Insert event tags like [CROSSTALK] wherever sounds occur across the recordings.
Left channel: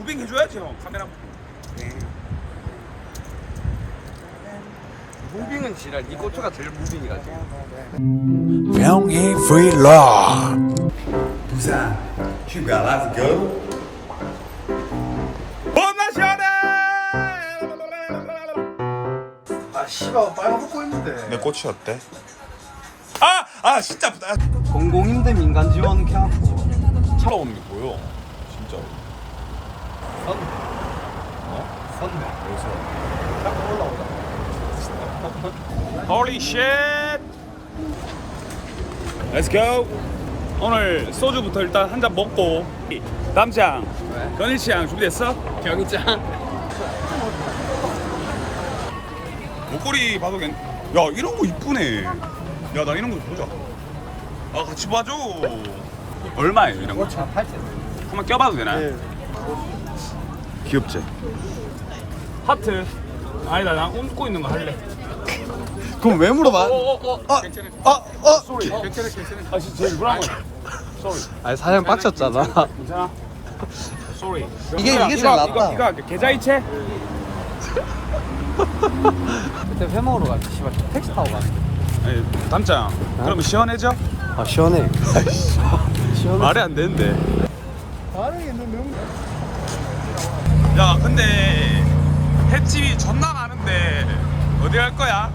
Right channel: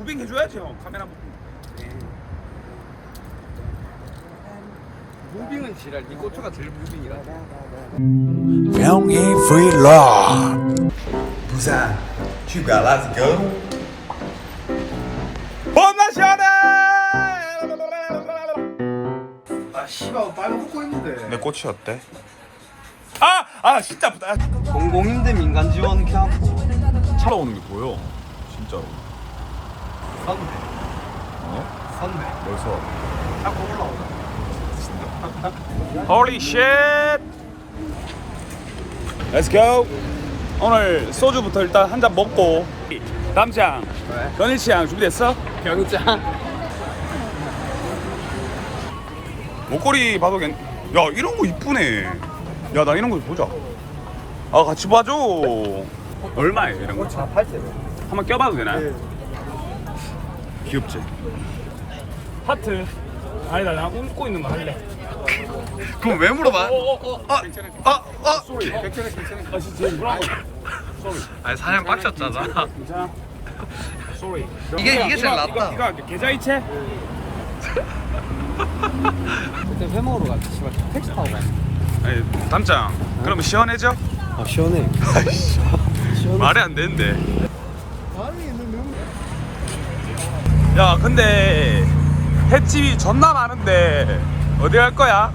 무빙 해줘야지 형. 카메라 무빙. 네. 무빙은 지랄. 니 고추가 제일 무빙이라 명희 브이로그 부산 휴가 시원해 아 씨발 있는데. 내 꽃이 어때? 아! 아 진짜 공공인데 민간 지원 켜고 차가오는 게 보여. 진짜 선배 어? 선배 여기서 자꾸 올라오다 Holy shit Let's go 오늘 소주부터 일단 한 잔 먹고 남장 견일 씨양 준비됐어? 병장 목걸이 봐도 괜... 야 이런 거 이쁘네 야 나 이런 거 보자 아 같이 봐줘 얼마예요 이런 거? 차 80. 한번 껴봐도 되나요? 네. 귀엽지? 하트 아니다 나 웃고 있는 거 할래 그럼 왜 물어봐? 어어어 아, 괜찮아 아, 아. 쏘리 괜찮아 괜찮아 아 진짜 불안해 쏘리 아니 사장 빡쳤잖아. 괜찮아 쏘리 이게- 이게 제일 낫다. 이거 할게 계좌 이체 그때 회 먹으러 갈때 씨발 택시 타고 가. 아니 담장 그러면 시원해져? 아 시원해. [LAUGHS] 시원해. 말이 안 되는데 반응이 있는 야 근데 횟집이 존나 많은데 어디 갈 거야?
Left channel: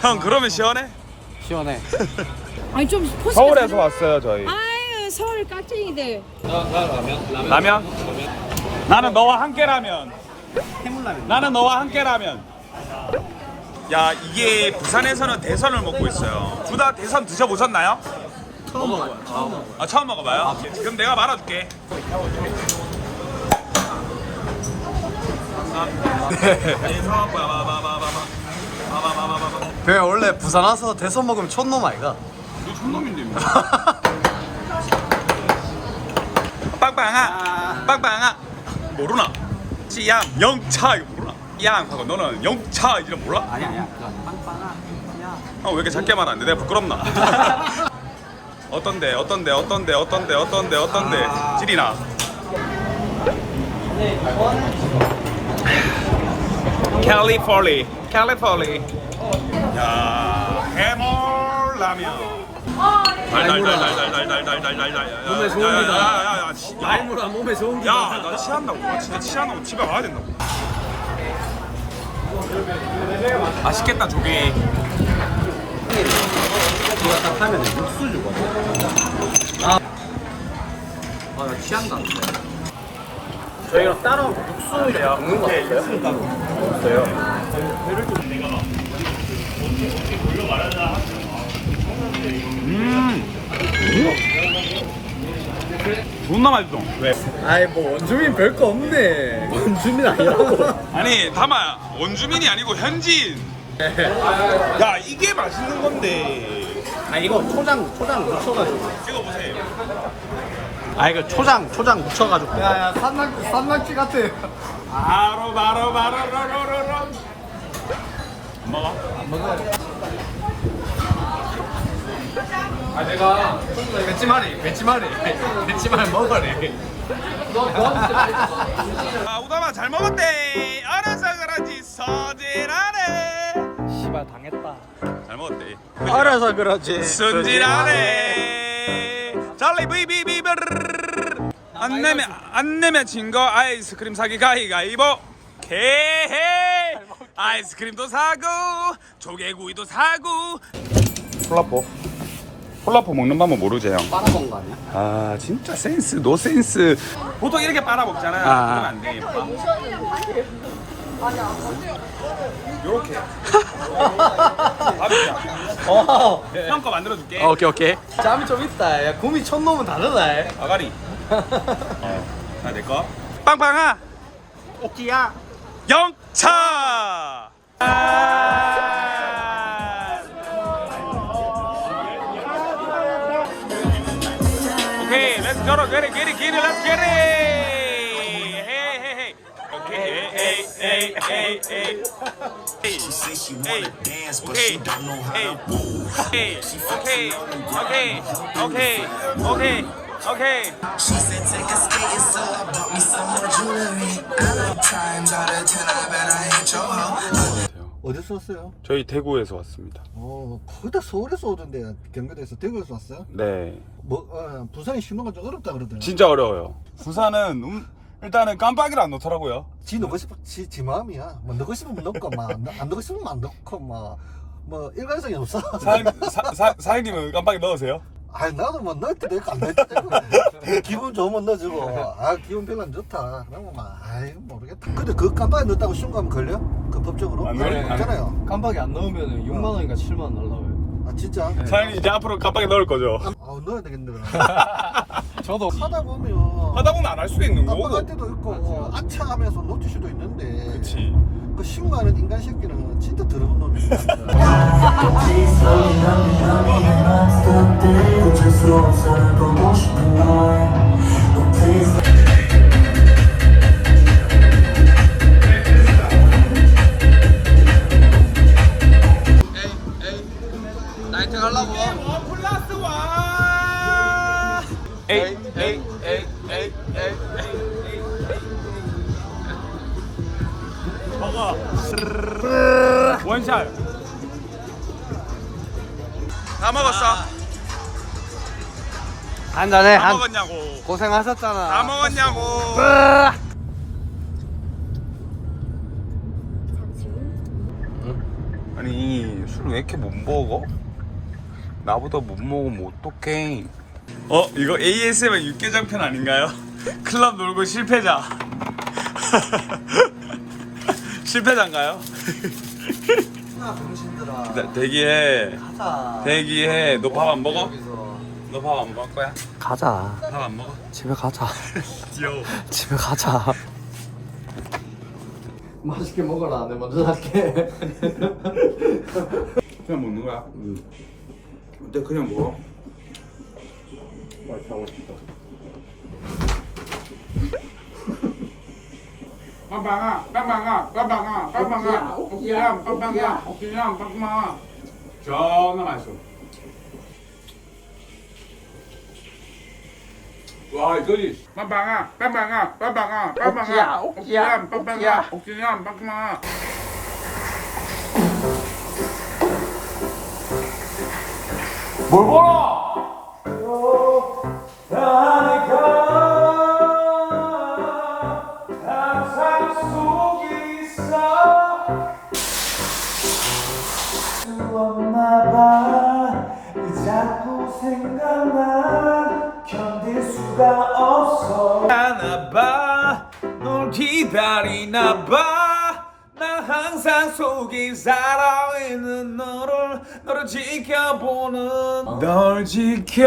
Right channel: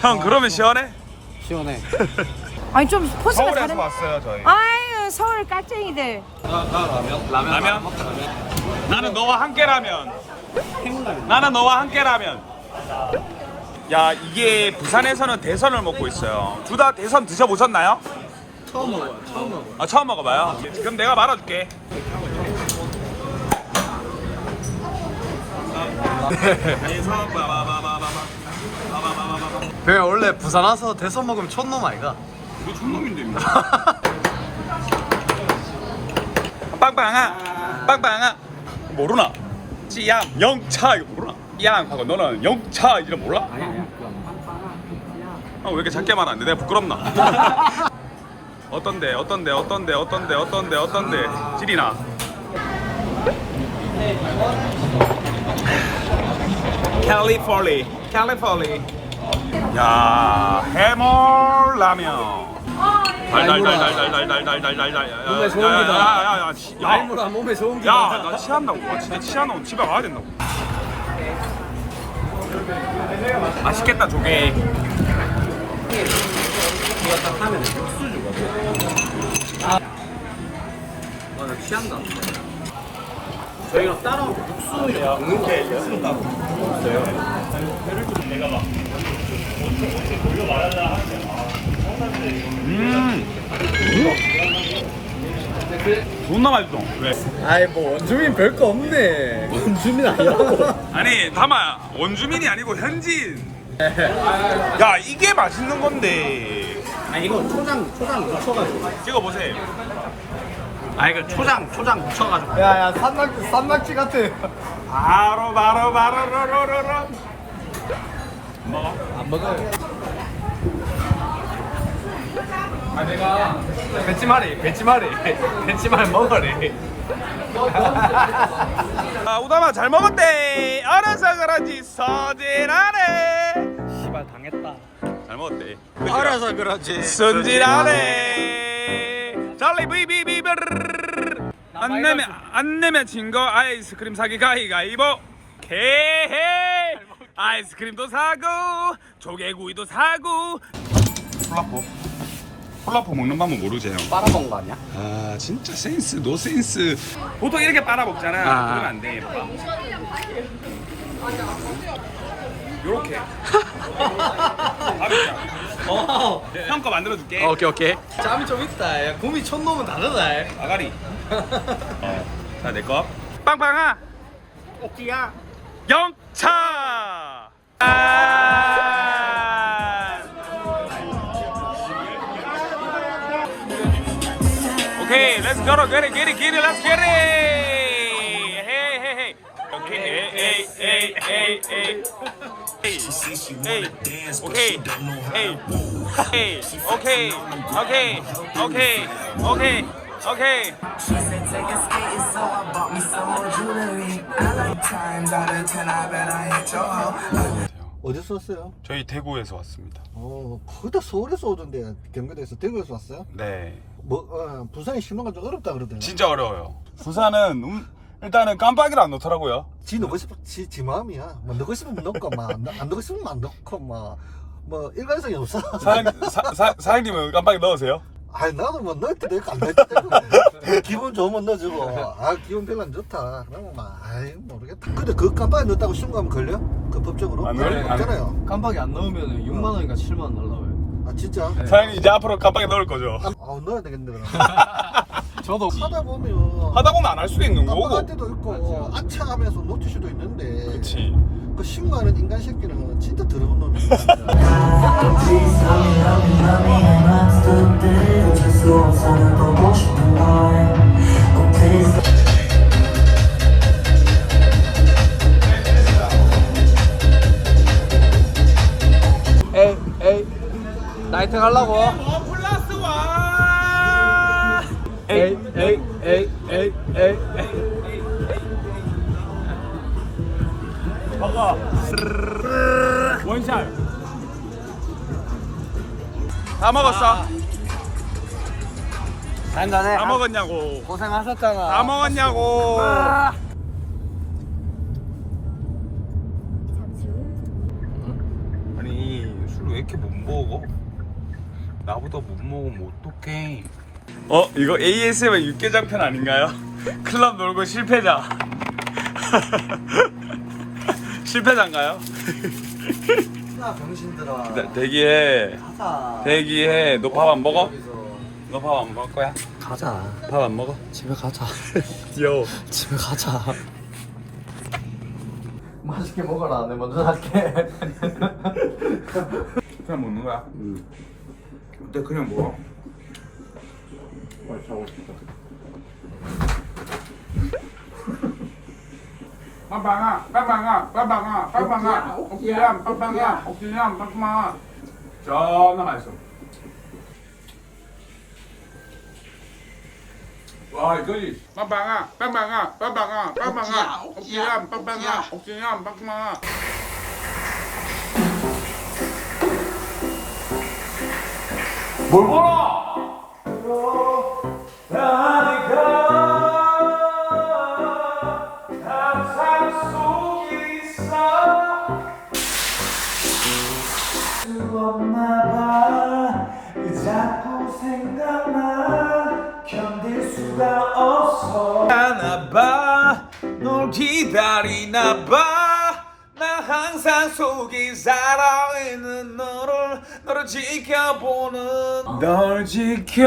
형 그러면 시원해? 시원해. [LAUGHS] 아니 좀 포스가 서울에서 다른 왔어요 저희 아유 서울 깍쟁이들 라면? 라면? 나는 너와 함께라면 나는 너와 함께라면 야 이게 부산에서는 대선을 먹고 있어요 둘 다 대선 드셔보셨나요? 처음 먹어요. 처음 먹어요. 아 처음 먹어봐요? 그럼 내가 말아줄게 배 원래 부산 와서 대선 먹으면 촌놈 아이가? 이거 촌놈인데 [LAUGHS] 빵빵아 빵빵아. 모르나? 찌양 영차 이거 모르나? 양. 하고 너는 영차 이름 몰라? 어, 왜 이렇게 작게 말하는데? 내가 부끄럽나? [LAUGHS] 어떤데 어떤데 어떤데 어떤데 어떤데 어떤데? 찌리나 캘리포니 캘리포니. 야 해물 라면. 달달달달달달달달달달달 몸에 좋습니다. 야야야야. 알무라 몸에 좋은 게 야나 취한다고. 와 진짜 취하면 집에 가야 된다고. 맛있겠다 조개. 아, 취한다. 저희가 따로 육수 이렇게 볶는 거 없어요? 존나 맛있어 왜? 아이 뭐 원주민 별거 없네. 원주민 아니라고. [LAUGHS] 아니 다마 원주민이 아니고 현지인 야 이게 맛있는 건데 아 이거 초장 초장 묻혀가지고. 찍어보세요 아 이거 초장 초장 묻혀가지고. 야야 산낙지 산낙지 같아. 바로 바로 바로 로로로로 먹어 안 먹어. 아 내가 배치마리 배치마리 배치마리 먹으래. 아 우다마 잘 먹었대 알아서 그런지 서진하네 씨발 당했다. 잘 먹었대 알아서 그러지. 순진하네 잘리 비비비비 안 내면 안 내면 진 거 아이스크림 사기 가위가위보. 개해 아이스크림도 사고 조개구이도 사고. 콜라포. 콜라포 먹는 방법 모르지 형. 빨아먹는 거 아니야? 아 진짜 센스 노 센스. 보통 이렇게 빨아 먹잖아. 아. 그러면 안돼. 봐봐 요렇게. [LAUGHS] 밥이야 어. 형 거 만들어줄게 오케이 오케이. 짬이 좀 있다. 야, 곰이 촌놈은 다르다. 아가리 [LAUGHS] 어. 자 내 거 빵빵아 오키야. 영차 아~ 오케이 let's go get it get it get it let's get it hey hey hey 오케이 어디서 왔어요? 저희 대구에서 왔습니다. 어, 거의 다 서울에서 오던데 경기도에서 대구에서 왔어요? 네. 뭐 어, 부산에 신호가 좀 어렵다 그러더라고요. 진짜 어려워요. 부산은 음, 일단은 깜빡이를 안 놓더라고요. 지 넣고 싶어 지, 지 마음이야. 뭐 넣고 싶으면 넣고 막안 넣고 싶으면 안 넣고 막 뭐 일관성이 없어. 사장, 사, 사, 사장님은 깜빡이 넣으세요? 아니 나도 뭐 넣을 때도 있고 안 넣을 때도 있고 기분 좋으면 넣어주고 아 기분 별로 안 좋다 그러면 막 아이 모르겠다. 근데 그 깜빡이 넣었다고 신고하면 걸려? 그 법적으로? 안 걸려. 없잖아요. 깜빡이 안 넣으면 6만 원인가 7만 원 날라와요. 아 진짜? 사장님 이제 앞으로 깜빡이 넣을 거죠? 아 넣어야 되겠네 그럼. [LAUGHS] 저도 하다 보면 하다 보면 안 할 수도 있는 거고. 깜빡할 때도 있고 아차 하면서 놓칠 수도 있는데 그치. 그 신고하는 인간 새끼는 진짜 더러운 놈이야. [LAUGHS] [LAUGHS] 원샷. 다 먹었어? 한잔해 다 먹었냐고. 고생하셨잖아 다 먹었냐고. 아니 술 왜 이렇게 못 먹어? 나보다 못 먹으면 어떡해? 어 이거 ASMR 육개장 편 아닌가요? [LAUGHS] 클럽 놀고 실패자. [LAUGHS] 실패자인가요? [LAUGHS] 정신들아. 일단 대기해. 가자. 대기해. 너 밥 안 먹어? 너밥 안 먹을 거야? 가자 밥 안 먹어? 집에 가자 [LAUGHS] 귀여워. 집에 가자 맛있게 먹어라 내 먼저 할게 [LAUGHS] 그냥 먹는 거야? 응. 근데 그냥 먹어. 빵빵아, 빵빵아, 빵빵아, 빵빵아, 옥기람, 빵빵아, 옥기람, 빵빵아. 존나 맛있어. 와, 이거지. 빵빵아, 빵빵아, 빵빵아, 빵빵아, 옥기람, 빵빵아, 옥기람, 빵빵아. 뭘 보라! 기다리나 봐. 나 항상 속에 살아있는 너를 너를 지켜보는 널 지켜나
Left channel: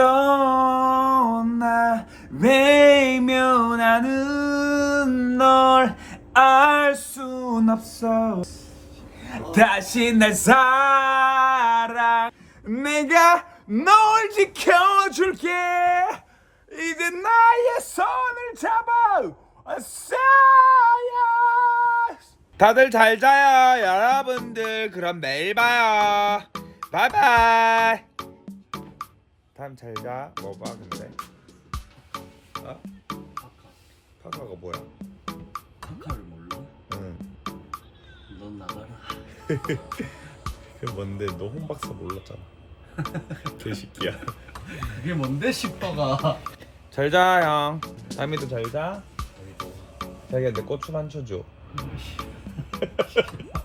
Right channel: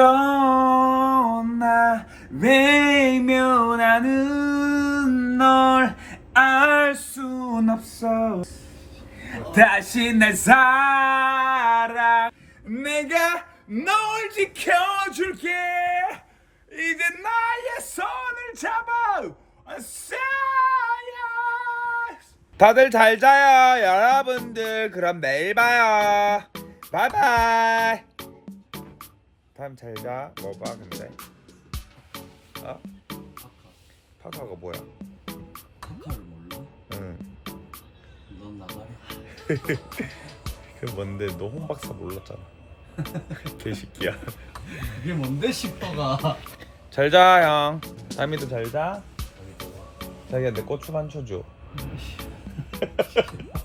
외면하는 널 알 순 없어. 다시 날 사랑. 내가 널 지켜줄게. 이제 나의 손을 잡아 다들 잘 자요 여러분들. 그럼 내일 봐요. 바이바이. 다음 잘자. 뭐봐 근데? 어? 파카가 뭐야? 카카를 몰라? 응. 넌 나가라. [LAUGHS] 그 뭔데? 너 홍박사 몰랐잖아. [LAUGHS] 개새끼야. 이게 뭔데 싶어가? 잘자 형. 다미도 잘자 자기야 내 고추 만 쳐줘 [LAUGHS]